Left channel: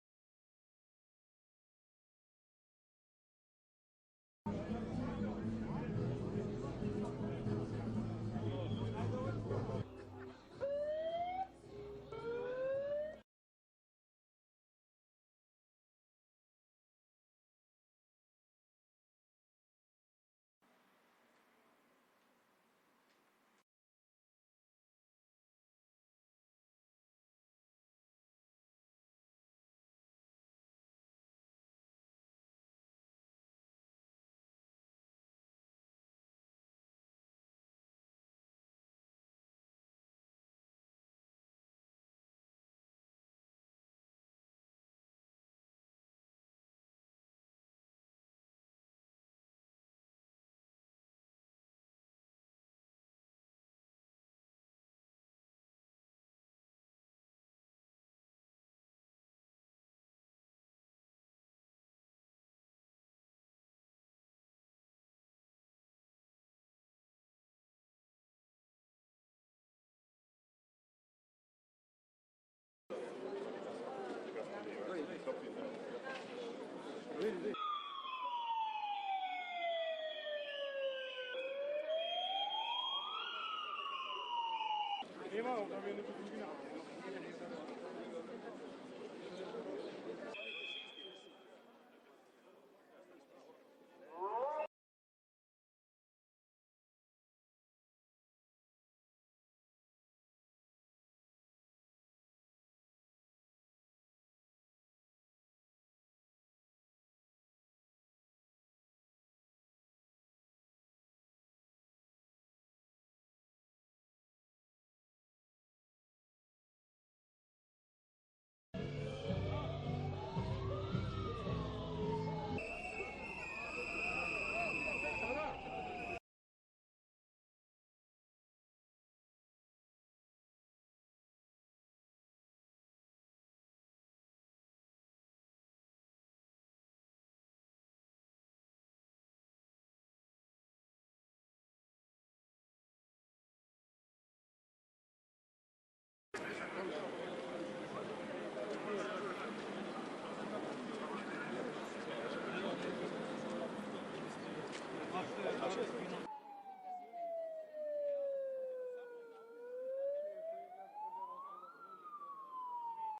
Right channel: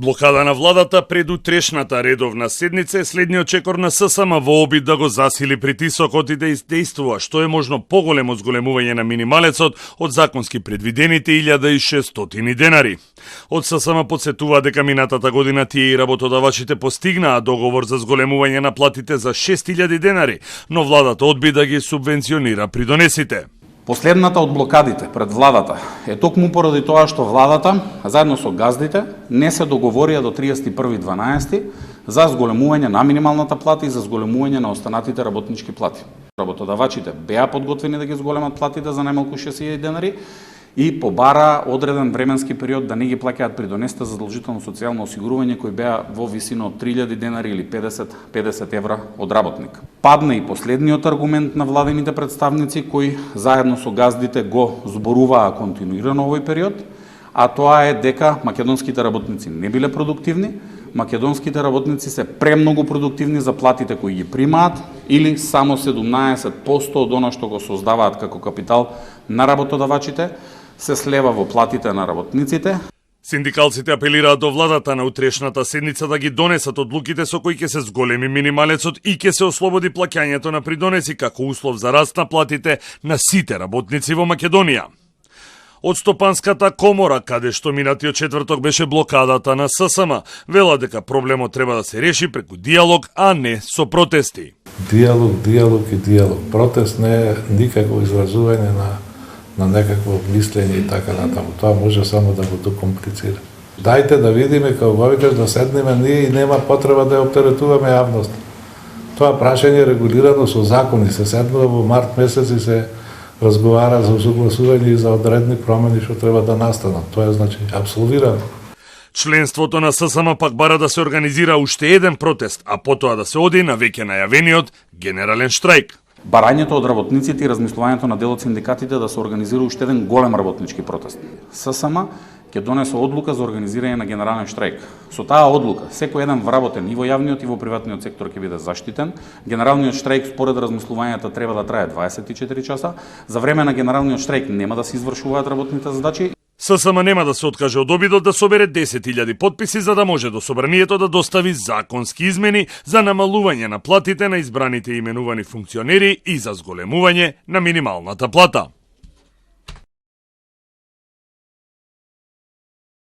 Блокада на владата пред утрешната редовна седница е следниот чекор на ССМ во обид да го засили притисокот и да издействува што е можно поголемо зголемување на минималецот од законски предвидените 1600 денари. Од ССМ подсетува дека минатата година тие и работодавачите постигнаа договор за зголемување на платите за 6000 денари, но владата одби да ги субвенционира придонесите. Последната од блокадите пред владата е токму поради тоа што владата, заедно со газдите, не се договорија до 31.12 за зголемување на минималната плата и за зголемување на останатите работнички плати. Работодавачите беа подготвени да ги зголемат платите за најмалку 6000 денари и побара одреден временски период да не ги плаќаат придонесите за задолжително социјално осигурување кои беа во висина од 3000 денари или 50 евра од работник. Падна и последниот аргумент на владините представници кои заедно со газдите го зборуваа континуирано овој период, а тоа е дека македонските работници не биле продуктивни, македонските работници се премногу продуктивни за платите кои ги примаат или само 17% од она што го создаваат како капитал на работодавачите се слева во платите на работниците. Синдикалците апелираат до владата на утрешната седница да ги донесат одлуките со кои ќе се зголеми минималецот и ќе се ослободи плаќањето на придонеси како услов за раст на платите на сите работници во Македонија. Од Стопанската комора, каде што минатиот четврток беше блокадата на ССМ, вела дека проблемот треба да се реши преку диалог, а не со протести. Диалог и диалог. Протест не е никакво изразување на некакво мислење и така натаму. Тоа може само да го докомплицира. Дајте да видиме како викаш да седнеме ние и нема потреба да ја оптеретуваме јавност. Тоа прашање е регулирано со закони, се седнува во март месец и се разговара за усогласување и за одредни промени што треба да настанат. Тоа е значи апсолвирано. Членството на ССМ пак бара да се организира уште еден протест, а потоа да се оди на веќе најавениот генерален штрајк. Барањето од работниците и размислувањето на дел од синдикатите да се организира уште еден голем работнички протест. ССМ ќе донесе одлука за организирање на генерален штрајк. Со таа одлука, секој еден вработен и во јавниот и во приватниот сектор ќе биде заштитен. Генералниот штрајк според размислувањата треба да трае 24 часа. За време на генералниот штрајк нема да се извршуваат работните задачи. ССМ нема да се откаже од обидот да собере 10.000 потписи за да може до собранието да достави законски измени за намалување на платите на избраните и именувани функционери и за зголемување на минималната плата.